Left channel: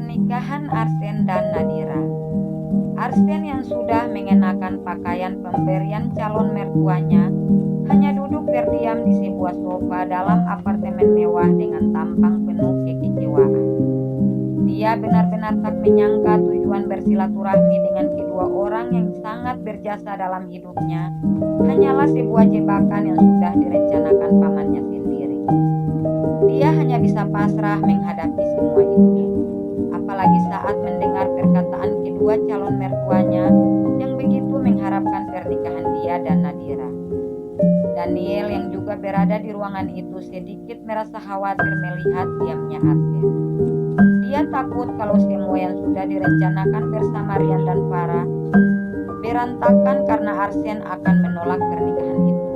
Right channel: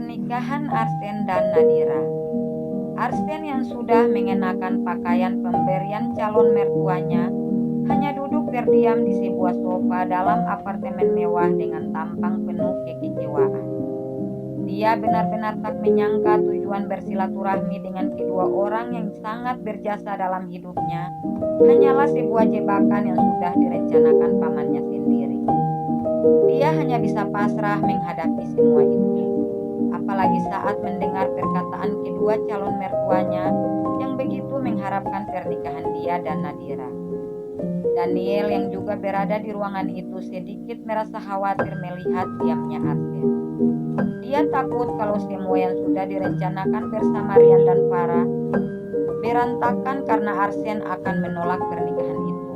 Pernikahan Arsen dan Nadira. Arsen yang sudah mengenakan pakaian pemberian calon mertuanya hanya duduk terdiam di sebuah sofa dalam apartemen mewah dengan tampang penuh kekecewaan. Dia benar-benar tak menyangka tujuan bersilaturahmi dengan kedua orang yang sangat berjasa dalam hidupnya hanyalah sebuah jebakan yang sudah direncanakan pamannya sendiri. Dia hanya bisa pasrah menghadapi semua itu, apalagi saat mendengar perkataan kedua calon mertuanya yang begitu mengharapkan pernikahan dia dan Nadira. Daniel yang juga berada di ruangan itu sedikit merasa khawatir melihat diamnya Arsen. Dia takut kalau semua yang sudah direncanakan bersama Rian dan Farah berantakan karena Arsen akan menolak pernikahan itu.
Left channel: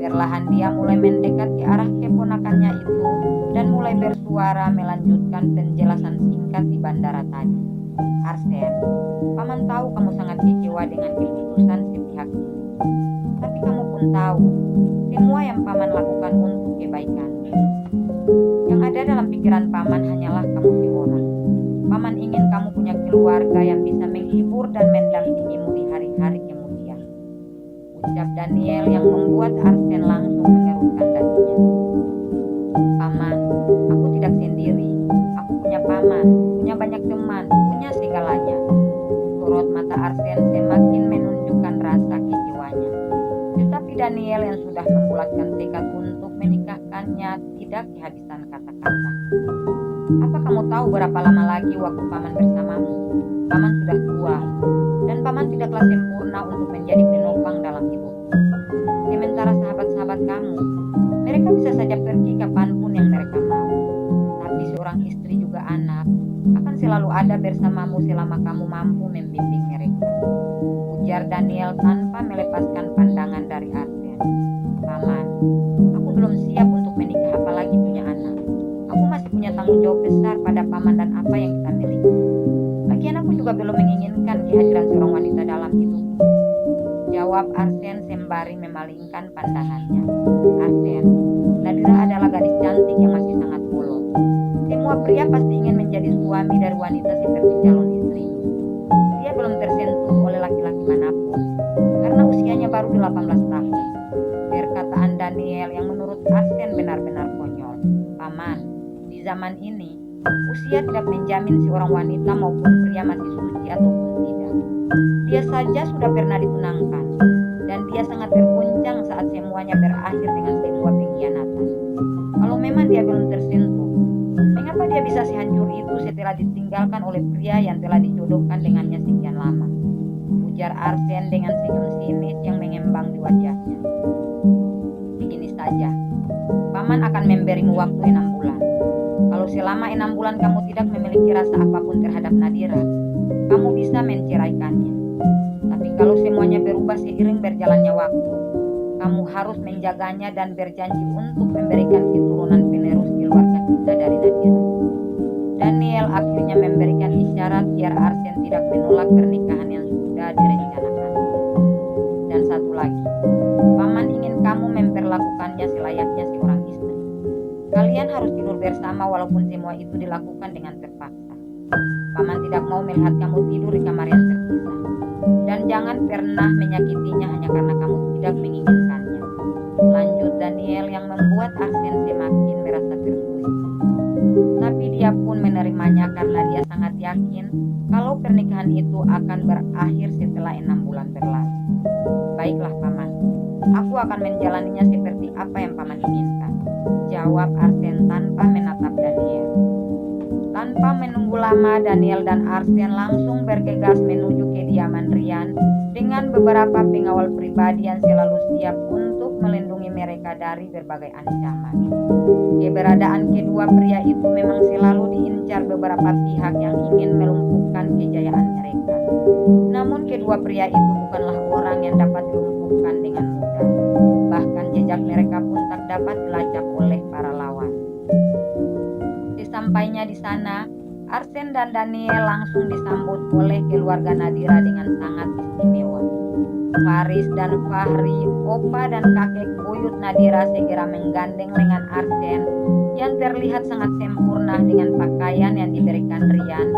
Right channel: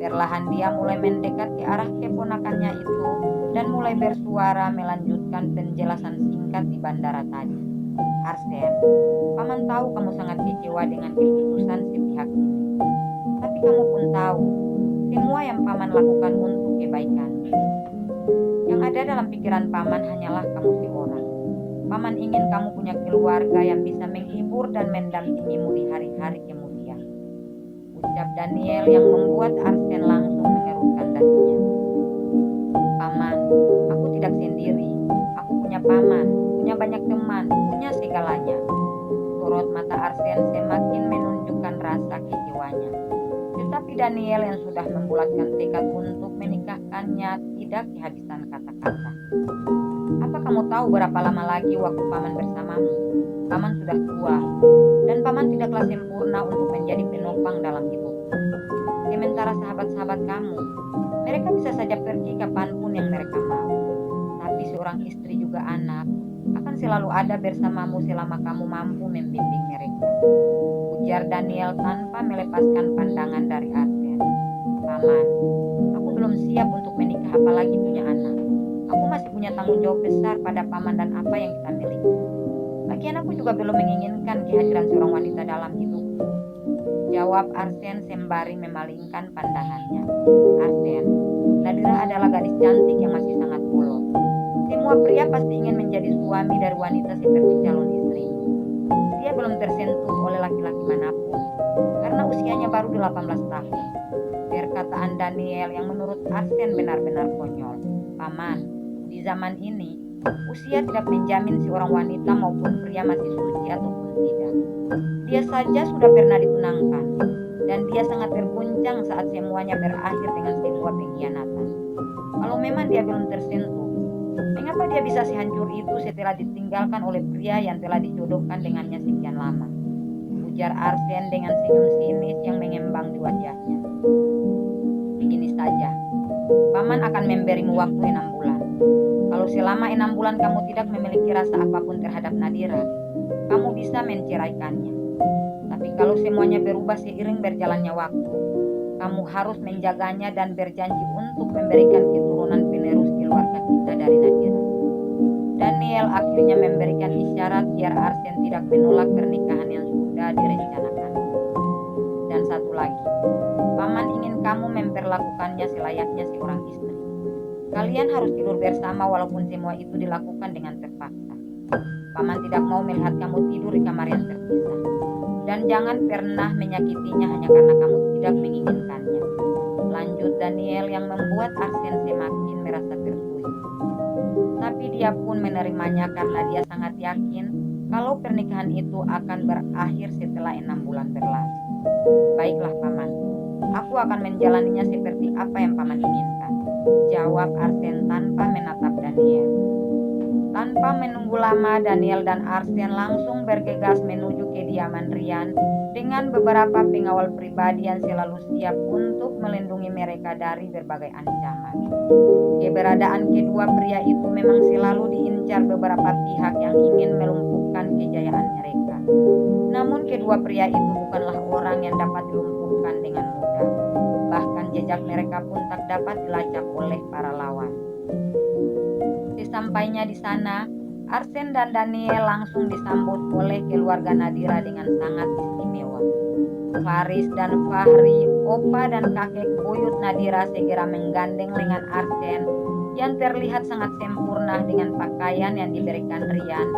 Perlahan dia mulai mendekat ke arah keponakannya itu dan mulai bersuara melanjutkan penjelasan singkat di bandara tadi. Arsen, paman tahu kamu sangat kecewa dengan keputusan sepihak ini. Tapi kamu pun tahu, semua yang paman lakukan untuk kebaikan. Yang ada dalam pikiran paman hanyalah kamu seorang. Paman ingin kamu punya keluarga yang bisa menghibur dan mendampingimu di hari-hari kemudian. Ucap Daniel yang membuat Arsen langsung mengerutkan dahinya. Paman, aku tidak sendiri. Aku punya paman, punya banyak teman, punya segalanya. Sorot mata Arsen semakin menunjukkan rasa kecewanya. Tetapi Daniel yang sudah membulatkan tekad untuk menikahkannya tidak kehabisan kata-kata. Apa kamu tahu berapa lama lagi waktu paman bersamamu? Paman sudah tua, dan paman tidaklah sempurna untuk menjadi penopang dalam hidup. Sementara sahabat-sahabat kamu, mereka bisa saja pergi kapanpun yang mereka mau. Tapi seorang istri juga anak akan selalu ada bersamamu selama kamu mampu membimbing mereka. Ujar Daniel tanpa melepaskan pandangan dari Arsen. Paman, aku belum siap untuk menikah apalagi punya anak. Aku masih punya tanggung jawab besar pada paman dan apa yang kita miliki. Lagian aku juga belum menginginkan kehadiran seorang wanita dalam hidupku. Jawab Arsen sembari memalingkan pandangannya. Arsen, Nadira adalah gadis cantik yang masih sangat polos. Semua pria pasti ingin menjadi suami dari wanita seperti calon istrinya. Dia belum tersentuh oleh laki-laki manapun karena usianya baru 18 tahun. Perkataan Daniel yang menurut Arsen benar-benar konyol. Paman, di zaman ini, usia tidak menjamin seorang wanita maupun pria masih suci ataupun tidak. Dia saja sudah pernah ditunangkan, dan dia sangat terguncang saat semuanya berakhir dengan sebuah pengkhianatan. Kalau memang dia belum tersentuh, mengapa dia bisa sehancur itu setelah ditinggalkan oleh pria yang telah dijodohkan dengannya sekian lama? Ujar Arsen dengan senyum sinis yang mengembang di wajahnya. Begini saja, paman akan memberimu waktu 6 bulan. Kalau selama 6 bulan kamu tidak memiliki rasa apapun terhadap Nadira, kamu bisa menceraikannya. Tapi kalau semuanya berubah seiring berjalannya waktu, kamu harus menjaganya dan berjanji untuk memberikan keturunan penerus keluarga kita dari Nadira. Daniel akhirnya memberikan isyarat biar Arsen tidak menolak pernikahan yang sudah direncanakan. Dan satu lagi, paman ingin kamu memperlakukannya selayaknya seorang istri. Kalian harus tidur bersama walaupun semua itu dilakukan dengan terpaksa. Paman tidak mau melihat kamu tidur di kamar yang terpisah. Dan jangan pernah menyakitinya hanya karena kamu tidak menginginkannya. Lanjut Daniel yang membuat Arsen semakin merasa tersulut. Tapi dia pun menerimanya karena dia sangat yakin kalau pernikahan itu akan berakhir setelah 6 bulan berlalu. Baiklah paman, aku akan menjalaninya seperti apa yang paman inginkan. Jawab Arsen tanpa menatap Daniel. Tanpa menunggu lama, Daniel dan Arsen langsung bergegas menuju kediaman Rian dengan beberapa pengawal pribadi yang selalu siap untuk melindungi mereka dari berbagai ancaman. Keberadaan kedua pria itu memang selalu diincar beberapa pihak yang ingin melumpuhkan kejayaan mereka. Namun kedua pria itu bukanlah orang yang dapat dilumpuhkan dengan mudah. Bahkan jejak mereka pun tak dapat dilacak oleh para lawan. Sesampainya di sana, Arsen dan Daniel langsung disambut oleh keluarga Nadira dengan sangat istimewa. Faris dan Fahri, opa dan kakek buyut Nadira segera menggandeng lengan Arsen yang terlihat sangat sempurna dengan pakaian yang diberikan Rian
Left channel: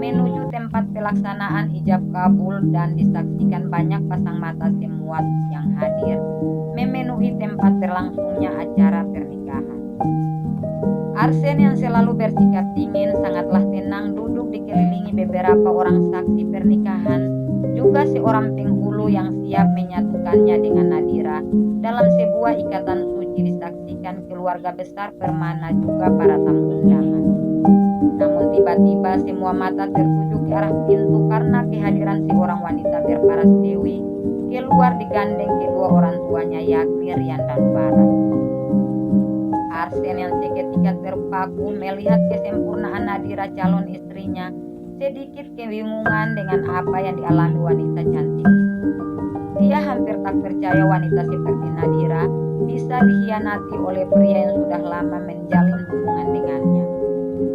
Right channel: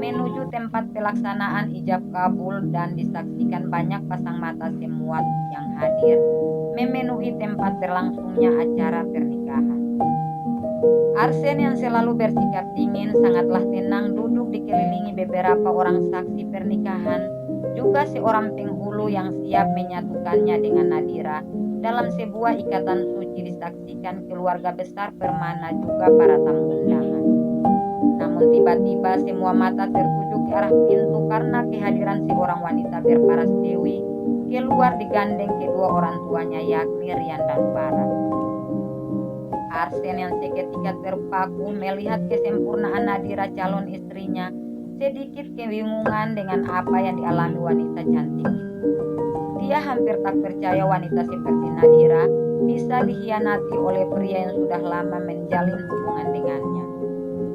menuju tempat pelaksanaan ijab kabul dan disaksikan banyak pasang mata semua yang hadir memenuhi tempat berlangsungnya acara pernikahan. Arsen yang selalu bersikap dingin sangatlah tenang duduk dikelilingi beberapa orang saksi pernikahan, juga seorang penghulu yang siap menyatukannya dengan Nadira dalam sebuah ikatan suci disaksikan keluarga besar Permana juga para tamu undangan. Namun tiba-tiba semua mata tertuju ke arah pintu karena kehadiran seorang wanita berparas dewi keluar digandeng kedua orang tuanya yakni Rian dan Farah. Arsen yang seketika terpaku melihat kesempurnaan Nadira calon istrinya sedikit kebingungan dengan apa yang dialami wanita cantik itu. Dia hampir tak percaya wanita seperti Nadira bisa dikhianati oleh pria yang sudah lama menjalin hubungan dengannya.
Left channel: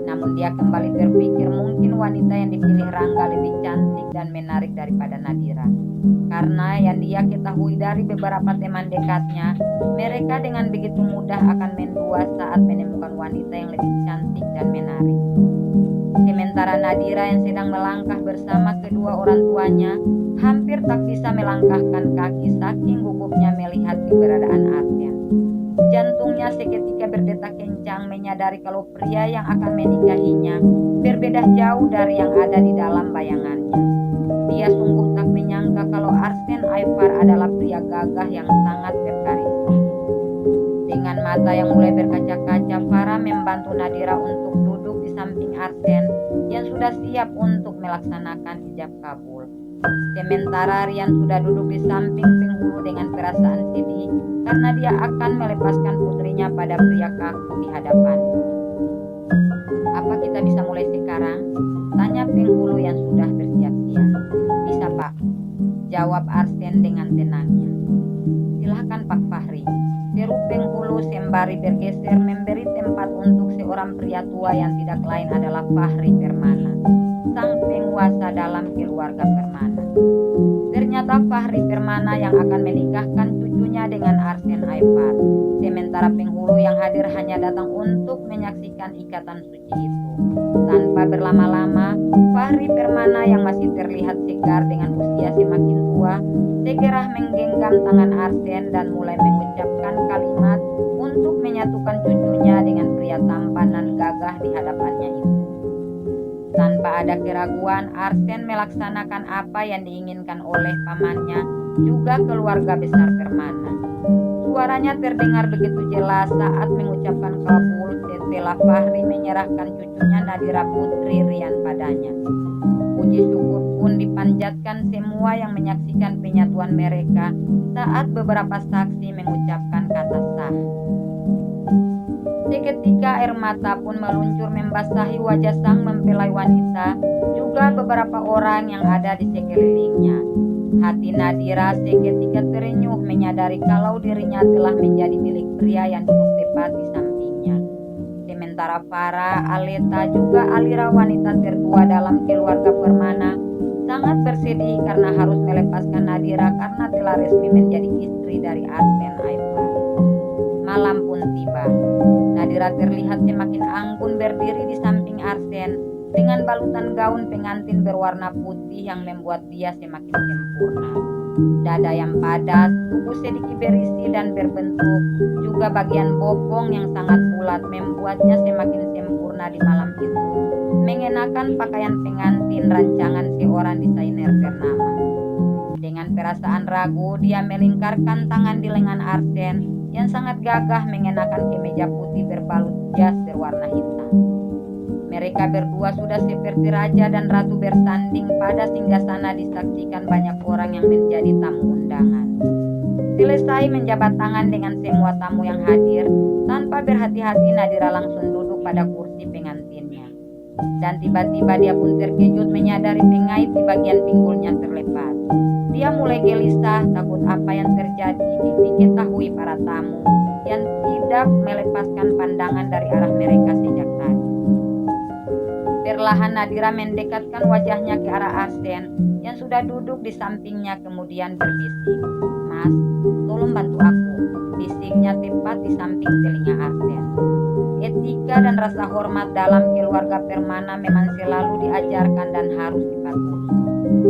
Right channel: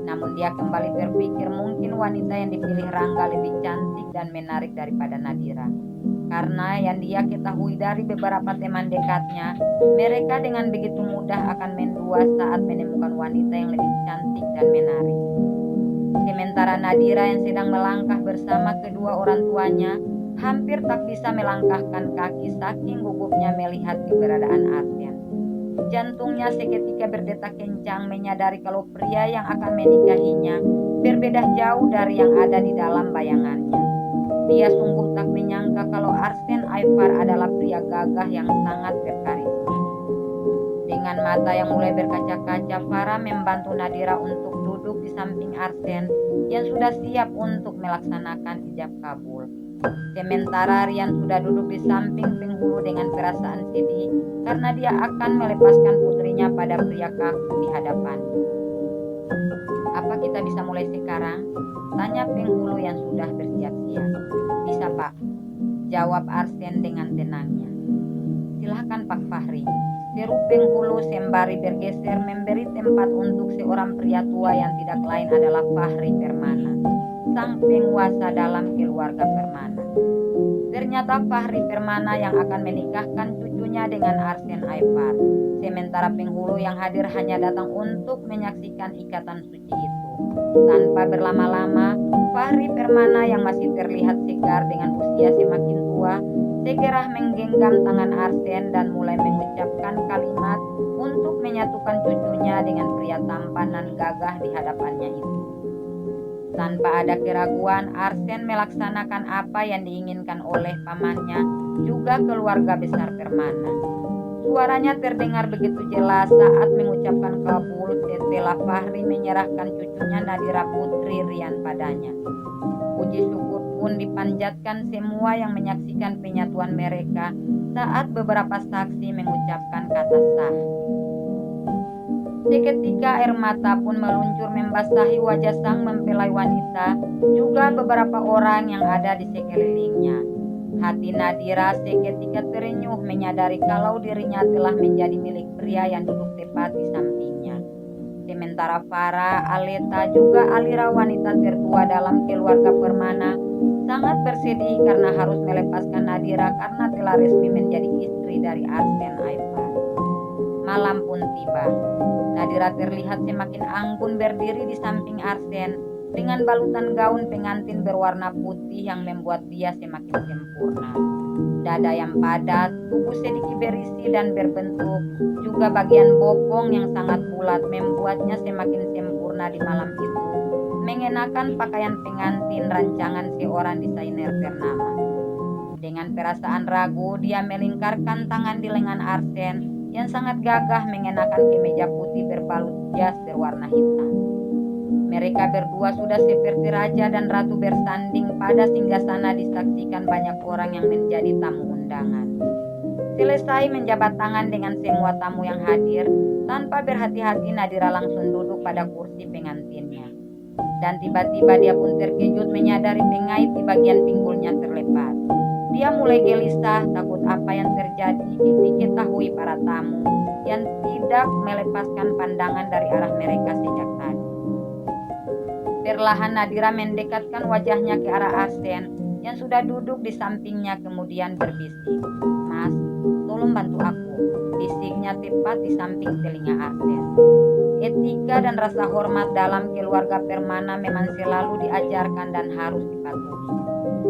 Namun dia kembali berpikir mungkin wanita yang dipilih Rangga lebih cantik dan menarik daripada Nadira. Karena yang dia ketahui dari beberapa teman dekatnya, mereka dengan begitu mudah akan mendua saat menemukan wanita yang lebih cantik dan menarik. Sementara Nadira yang sedang melangkah bersama kedua orang tuanya, hampir tak bisa melangkahkan kaki saking gugupnya melihat keberadaan Arsen. Jantungnya seketika berdetak kencang menyadari kalau pria yang akan menikahinya berbeda jauh dari yang ada di dalam bayangannya. Dia sungguh tak menyangka kalau Arsen Aifar adalah pria gagah yang sangat berkarisma. Dengan mata yang mulai berkaca-kaca, Farah membantu Nadira untuk duduk di samping Arsen yang sudah siap untuk melaksanakan ijab kabul. Sementara Rian sudah duduk di samping penghulu dengan perasaan sedih karena dia akan melepaskan putrinya pada pria kaku di hadapannya. "Apa kita bisa mulai sekarang?" tanya penghulu yang sudah bersiap-siap. "Bisa, Pak," jawab Arsen dengan tenangnya. "Silahkan Pak Fahri," seru penghulu sembari bergeser memberi tempat untuk seorang pria tua yang tidak lain adalah Fahri Permana, sang penguasa dalam keluarga Permana. Ternyata Fahri Permana yang akan menikahkan cucunya dengan Arsen Aifar. Sementara penghulu yang hadir hanya datang untuk menyaksikan ikatan suci itu. Tanpa berlama-lama, Fahri Permana yang masih terlihat segar dengan usia semakin tua, segera menggenggam tangan Arsen dan mulai mengucapkan kalimat untuk menyatukan cucunya dengan pria tampan dan gagah di hadapannya itu. Tanpa ada keraguan, Arsen melaksanakan apa yang diinginkan oleh pamannya, juga keluarga besar Permana. Suaranya terdengar begitu jelas saat mengucapkan kabul setelah Fahri menyerahkan cucunya Nadira putri Rian padanya. Puji syukur pun dipanjatkan semua yang menyaksikan penyatuan mereka saat beberapa saksi mengucapkan kata sah. Seketika air mata pun meluncur membasahi wajah sang mempelai wanita, juga beberapa orang yang ada di sekelilingnya. Hati Nadira seketika terenyuh menyadari kalau dirinya telah menjadi milik pria yang duduk tepat di sampingnya. Sementara Farah, Aleta, juga Alira wanita tertua dalam keluarga Permana sangat bersedih karena harus melepaskan Nadira karena telah resmi menjadi istri dari Arsen Aifar. Malam pun tiba. Nadira terlihat semakin anggun berdiri di samping Arsen dengan balutan gaun pengantin berwarna putih yang membuat dia semakin sempurna. Dada yang padat, tubuh sedikit berisi dan berbentuk, juga bagian bokong yang sangat bulat membuatnya semakin sempurna di malam itu, mengenakan pakaian pengantin rancangan seorang desainer ternama. Dengan perasaan ragu, dia melingkarkan tangan di lengan Arsen yang sangat gagah mengenakan kemeja putih berbalut jas berwarna hitam. Mereka berdua sudah seperti raja dan ratu bersanding pada singgasana disaksikan banyak orang yang menjadi tamu undangan. Selesai menjabat tangan dengan semua tamu yang hadir, tanpa berhati-hati Nadira langsung duduk pada kursi pengantinnya. Dan tiba-tiba dia pun terkejut menyadari pengait di bagian pinggulnya terlepas. Dia mulai gelisah, takut apa yang terjadi diketahui para tamu yang tidak melepaskan pandangan dari arah mereka sejak tadi. Perlahan Nadira mendekatkan wajahnya ke arah Arsen yang sudah duduk di sampingnya kemudian berbisik, "Mas, tolong bantu aku," bisiknya tepat di samping telinga Arsen. Etika dan rasa hormat dalam keluarga Permana memang selalu diajarkan dan harus dipatuhi.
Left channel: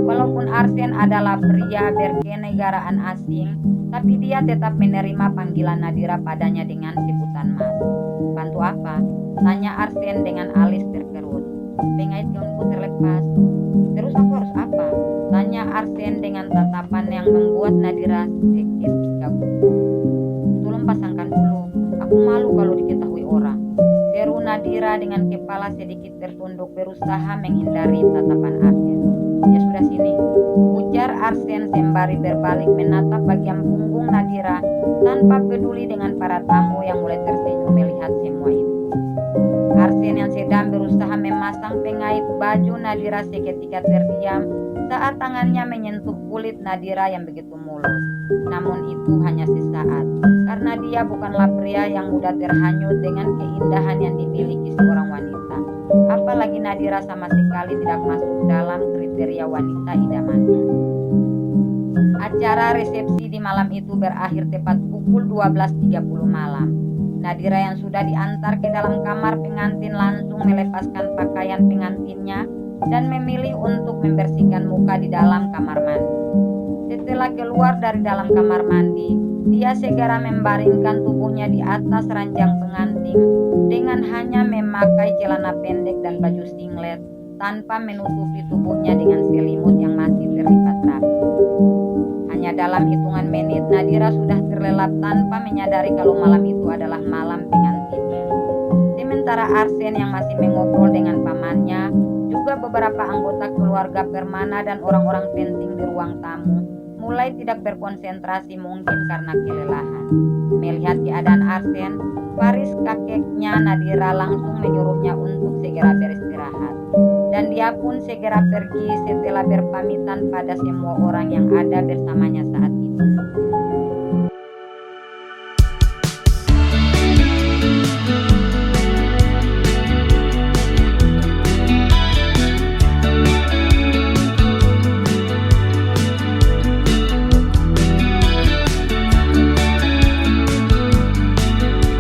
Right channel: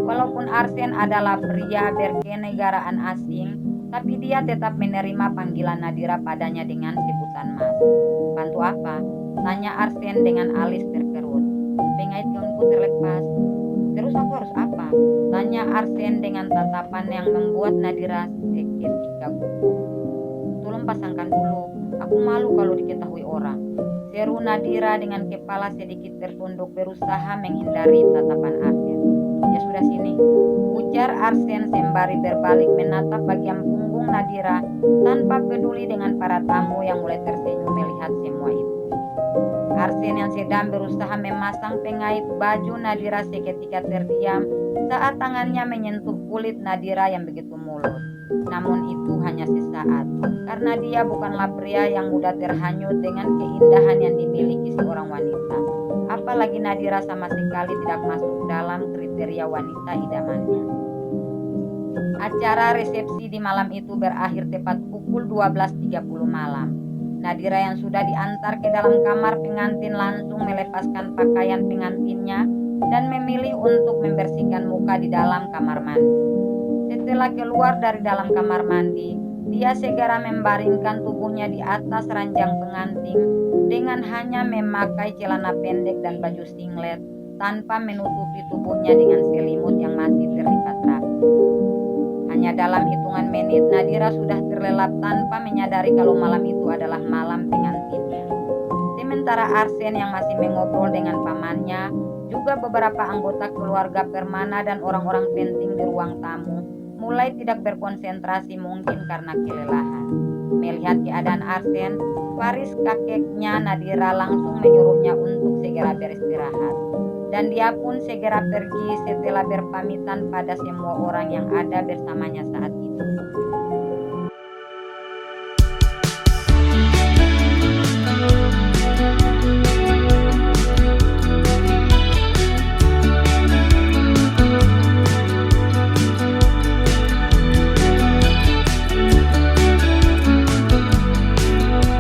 Walaupun Arsen adalah pria berkenegaraan asing, tapi dia tetap menerima panggilan Nadira padanya dengan sebutan Mas. "Bantu apa?" tanya Arsen dengan alis terkerut. "Pengait gaunku terlepas." "Terus aku harus apa?" tanya Arsen dengan tatapan yang membuat Nadira seketika gugup. "Tolong pasangkan dulu, aku malu kalau diketahui orang," seru Nadira dengan kepala sedikit tertunduk berusaha menghindari tatapan Arsen. "Ya sudah sini," ujar Arsen sembari berbalik menatap bagian punggung Nadira tanpa peduli dengan para tamu yang mulai tersenyum melihat semua itu. Arsen yang sedang berusaha memasang pengait baju Nadira seketika terdiam saat tangannya menyentuh kulit Nadira yang begitu mulus. Namun itu hanya sesaat, karena dia bukanlah pria yang mudah terhanyut dengan keindahan yang dimiliki seorang wanita. Apalagi Nadira sama sekali tidak masuk dalam kriteria wanita idamannya. Acara resepsi di malam itu berakhir tepat pukul 12.30 malam. Nadira yang sudah diantar ke dalam kamar pengantin langsung melepaskan pakaian pengantinnya dan memilih untuk membersihkan muka di dalam kamar mandi. Setelah keluar dari dalam kamar mandi, dia segera membaringkan tubuhnya di atas ranjang pengantin dengan hanya memakai celana pendek dan baju singlet tanpa menutupi tubuhnya dengan selimut yang masih terlipat rapi. Hanya dalam hitungan menit, Nadira sudah terlelap tanpa menyadari kalau malam itu adalah malam pengantinnya. Sementara Arsen yang masih mengobrol dengan pamannya, juga beberapa anggota keluarga Permana dan orang-orang penting di ruang tamu, mulai tidak berkonsentrasi mungkin karena kelelahan. Melihat keadaan Arsen, Faris kakeknya Nadira langsung menyuruhnya untuk segera beristirahat. Dan dia pun segera pergi setelah berpamitan pada semua orang yang ada bersamanya saat itu.